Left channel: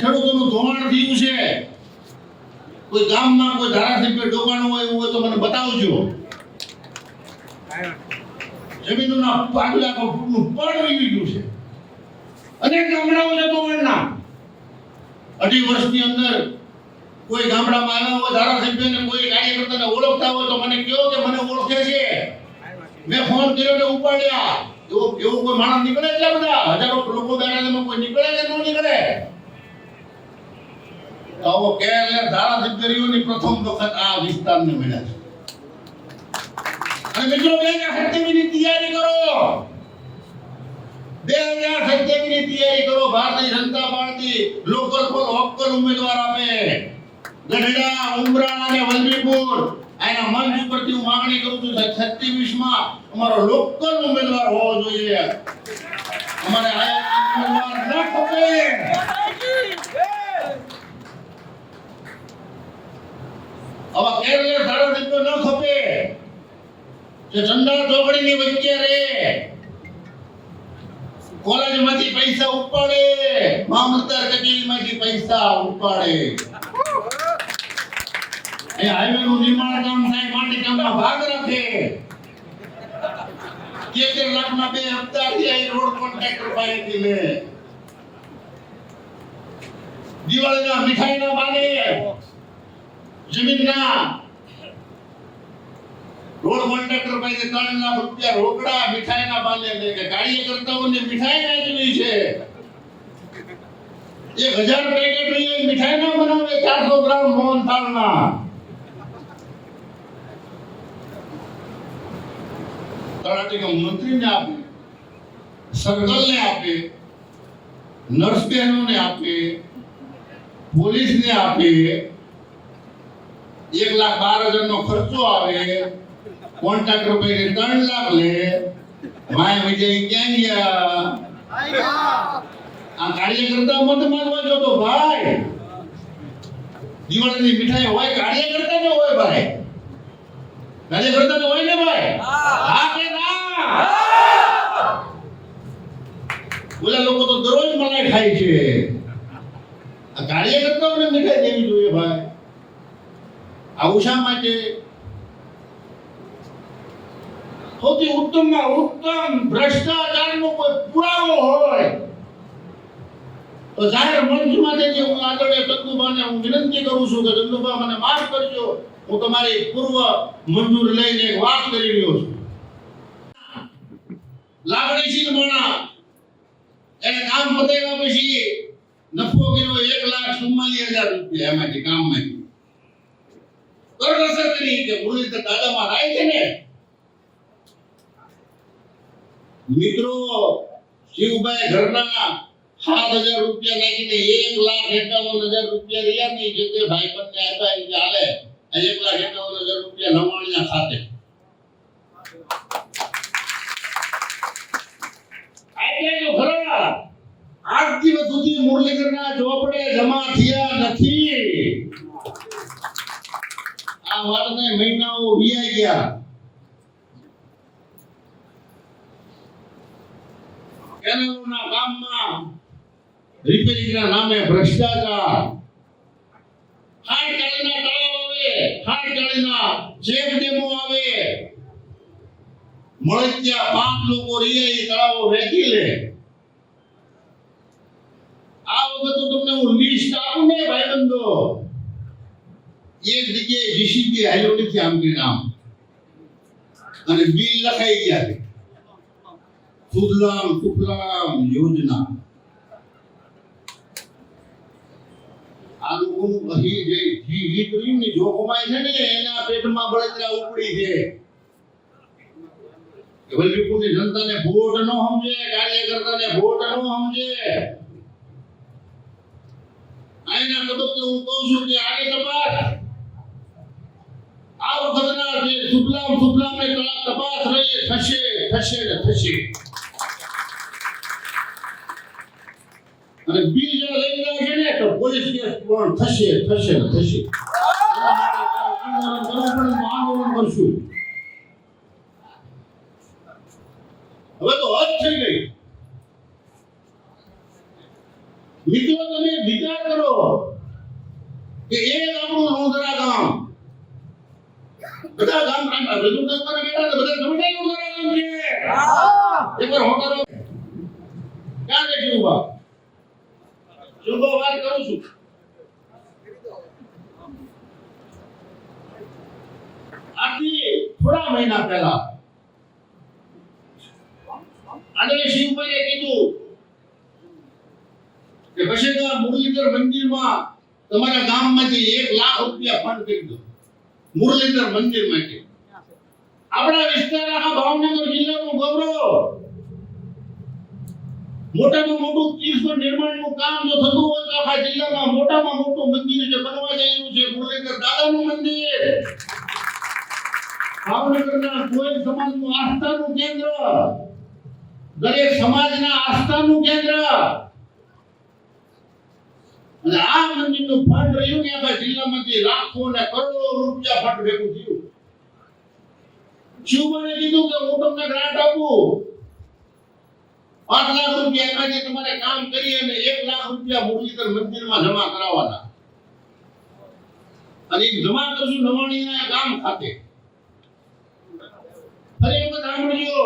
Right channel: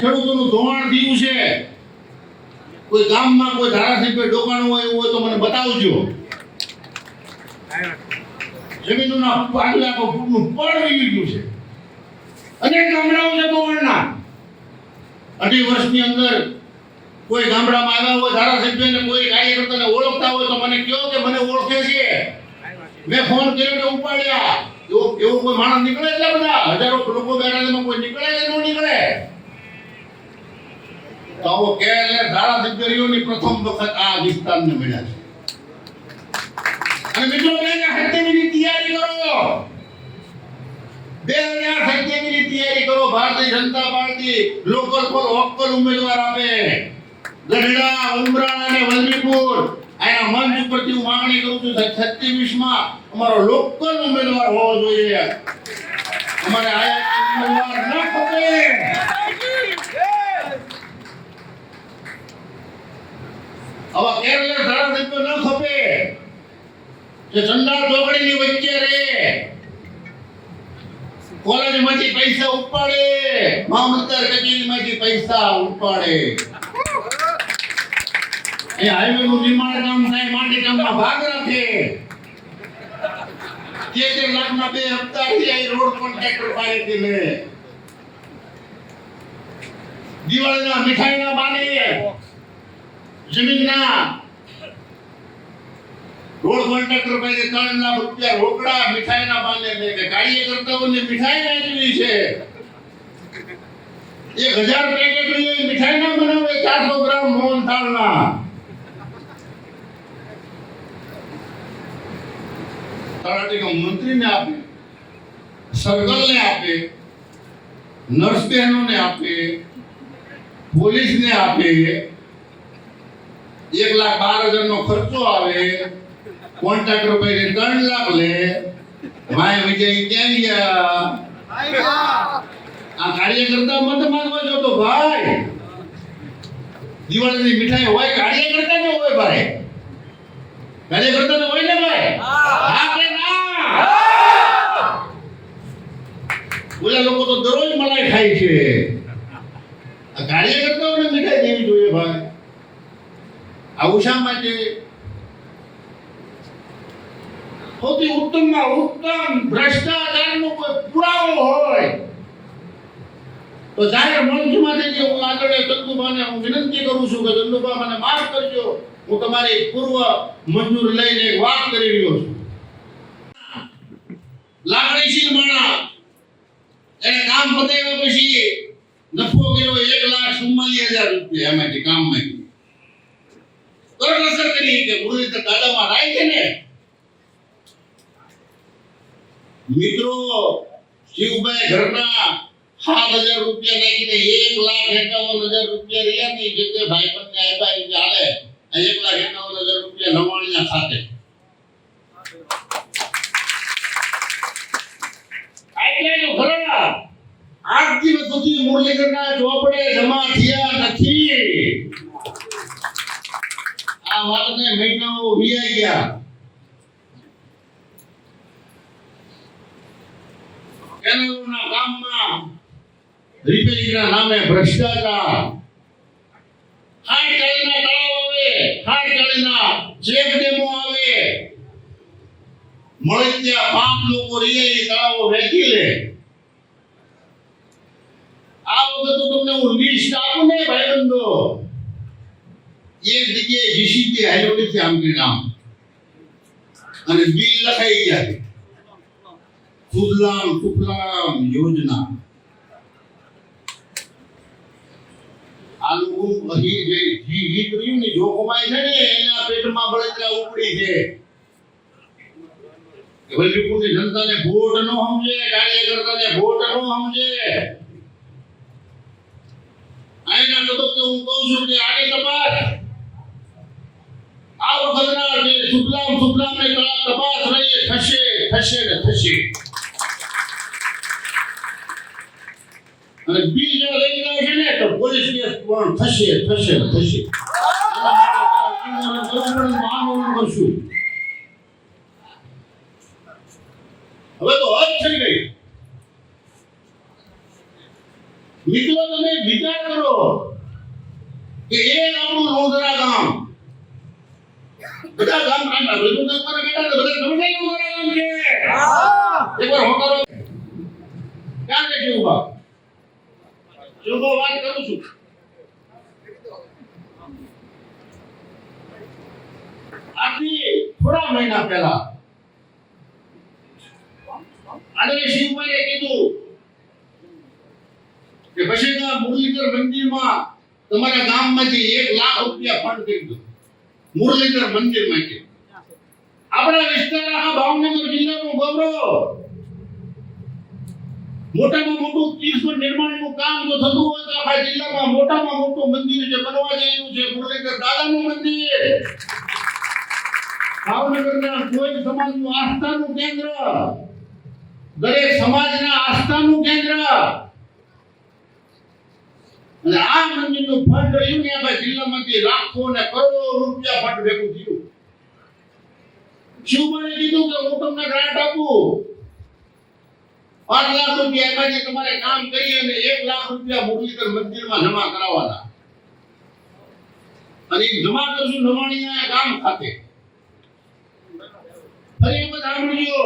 ખેડૂતોનું ધોવાણ થયું છે. કોઈ ગામમાં કોઈ ધારાસભ્ય ડોકાણું હોય એવું હોય તો મને બતાવજો. જમીનોના 5 લાખ ફૂટનું પડ વીવી ગયું છે. અનેક ગામડાઓ છે ધોવાણના. 2.5 વર્ષની અંદર કોઈ ગામડામાં આવ્યા હોય ધારાસભ્યને કોઈ કાર્યકર્તાને ઓળખતા હોય તો મને કહો કે મને ઓળખે છે. મેં ફોન કર્યો તો ઉપાડ્યા. એવો કોઈ માણસ નીકળે છે? બધા હજારો લોકો બેઠા કોઈ નીકળે કે ન નીકળે? તો આવો કેરલેસ ધારાસભ્યોની પ્રથમ વખત આ વિસ્તારને મળ્યા છે. અને મિત્રો 2027 ની તૈયારી કરો. 2027 ની તૈયારી કરો. ભારતીય જનતા પાર્ટી લોકલ પર લોકલ ઉમેદવાર આપે. ગઢડા, ઉમરા અને વલભીપુર આના મંચ પરથી હું માંગણી કરું છું 27 માં અમારો લોકલ ઉમેદવાર હોવો જોઈએ. અમારે આયા ઉમેદવાર ન ખપે. આવા કેરલેસ ધારાસભ્યો ન ખપે જે ચંદા ચોકડીની વચ્ચે રહે, કોલેજમાંથી પૈસા ઉપાડે, મામલતદાર કચેરીમાંથી પૈસા ઉપાડે. એ હાઈવેનું નિર્માણ કામ થાય, માટી કામમાં ભાગ રાખે. 13 લાખના 2 હપ્તાથી આ રોડ કોન્ટ્રાક્ટર પાસેથી લે. દિવાળીના મીઠાઈના બાને જમીનના રોડ કોન્ટ્રાક્ટર પાસે 3 લાખ રૂપિયા રોકડા મીઠાઈના બાને લે. કે કાર્યકર્તાઓને મીઠાઈ વેચવી છે. 1000 પેકેટ લઈ મીઠાઈ ના બનાવે, 400 ગ્રામ મોહનથાળના. તલાટીનો મંત્રીને આપે, સર્કલને આપે, નર્સ બહેનોને આપે, પોલીસને આપે. 1,12,000 નો ખર્ચો આવે. કોન્ટ્રાક્ટર પાસે 3 લાખ લે. માય વિજય ક્યાં ગયા? આ કાર્યકર્તા મત માંગવા જો તો ભાઈ. દિવાળીની મીઠાઈ હોય કાર્યકર્તા ને હોય ભાઈ. કાર્યકર્તા ને હોય ને ભાઈ. હા કે ના? ઓલા લોકો તો દરરોજ મલાઈ ખાય છે. આ કાર્યકર્તાઓને મીઠાઈ દેવી જોઈએ ભાઈ. આવું શા માટે? સૌથી ઉત્તમમાં ઉત્તમ ભ્રષ્ટાચારનો કોઈ પુરાવો હોય તો જાહેર મંચમાંથી હું આગળ ચંદુભાને હું વિનંતી કરું છું કે ચંદુભા મને માફ કરજો. હું તમારી પૂર્વ મંજૂર લઈને એક વાત કરી રહ્યો છું. લાગણીશીલ માણસ એને કામ પતાવ્યા પછી નફો કર્યો 1,44,000 રૂપિયા એમાંથી કામમાંથી. કરકસર કરી કે મુરલીધર દાદામાં રાય છે ને. મિત્રો શિવભાઈ ઘરના 7,000 રૂપિયા નાખીને 1,51,000 રૂપિયા રહ્યા ની જે તે ભાઈબંધને આપ્યા ચાલે. 1,51,000 રૂપિયા લવાણીના ખાતે આપ્યા જો ખરા. આજ દિવસ સુધી મુરલીધરના ચોપડે જમા થયા નથી. આ વાતને મહિનાઓ વીઆઈ ગયા. કેનાલોના કામમાં રિપેરિંગના નામે ભ્રષ્ટાચાર. હાડકાળીના તળાવ આવે, હાડકાળીના ચેક ડેમો આવે. મળતિયા 5 લોકો રહ્યા એ તળાવો વેચી લે. આ વખત તો તમને હું લિસ્ટ આપું ને ભાઈબંધો. એક જગ્યાએ જીસીબી હાલ્યો નથી આમથી નામ અને બિલ લખાઈ ગયા છે. સુજલામ સુફલામ યોજના. આ લોકો અહીં જે જી કર્યું ને જોખમાય છે ને એના પેટમાં બળતરા ઉપડી છે. વલભીપુરની જનતાને વોટ ન સમજે, કાર્યકર્તાને વોટ ન સમજે. આના તબક્કે હું કહું છું કે આની તપાસ આ વખતના જે સુફલામ ને તપાસ રહી થશે ને થશે. અને બિલ જો લઈ જાય છે ને તો પોલીસ કેસ પણ થશે ને થશે. કરશું. હવે તો હદ થઈ ગઈ. મિત્રો તમે વિચાર કરો કે એક આપણું લોધરા ગામ, બધા ગામ કાંટા બધું તો કરે બેટા તો બધા સમજાય લોધરા ગામ છે. એકવાર હોકારો ક્યાં છે શિવભા? શિવભા વાત કરું છું. આથી થોડા મહિના પહેલા આદરણીય શિવભાઈએ કીધું કે બસેગા મુરલીધર મંદિરમાં તમારા ગામમાંથી 1 લાખ રૂપિયા ફંડ કરી દો મુરલીધર મંદિર માટે. આપણા વિસ્તાર આખા ભાવનગર જિલ્લાનું ગૌરવ, મોટામાં મોટું તીર્થ નિર્માણનું કામ જો થતું હોય તો આખા જિલ્લામાં મોટામાં મોટું મંદિર જે બનવા જઈ રહ્યું છે મુરલીધર દાદાનું મંદિર. ભાવનગરના કોઈ સમાજનું આસ્થાનું કેન્દ્ર, દરેક સમાજના આસ્થાનું કેન્દ્ર. અને આ મંદિરનું ફંડ રહ્યું ને આપણા જિલ્લામાંથી લાખો ને કરોડો રૂપિયા ફંડ ભેગું થયું. શિવભાઈએ કીધું કે હું તમને ગ્રાન્ટ આપું 5 લાખ રૂપિયા એમાંથી તમારે કામ કરી અને 1 લાખ રૂપિયા મુરલીધર મંદિરમાં જમા કરાવવાના. અને જમા કરશું નવાણીના ગામ ખાતે. ફરી એક વખત સાંભળજો,